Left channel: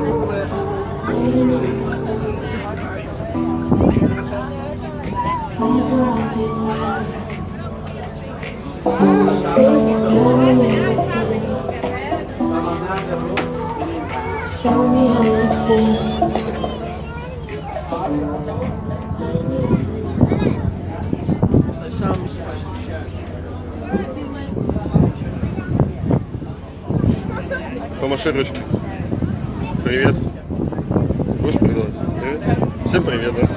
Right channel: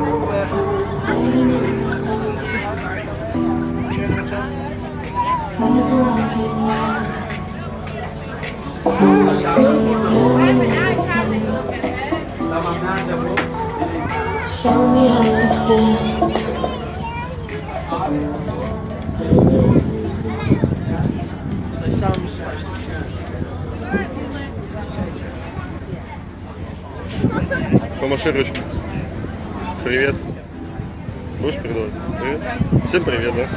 Show me how to feel. Помаши ручкой. Привет. Будешь передавать? Привет. Всем привет, да?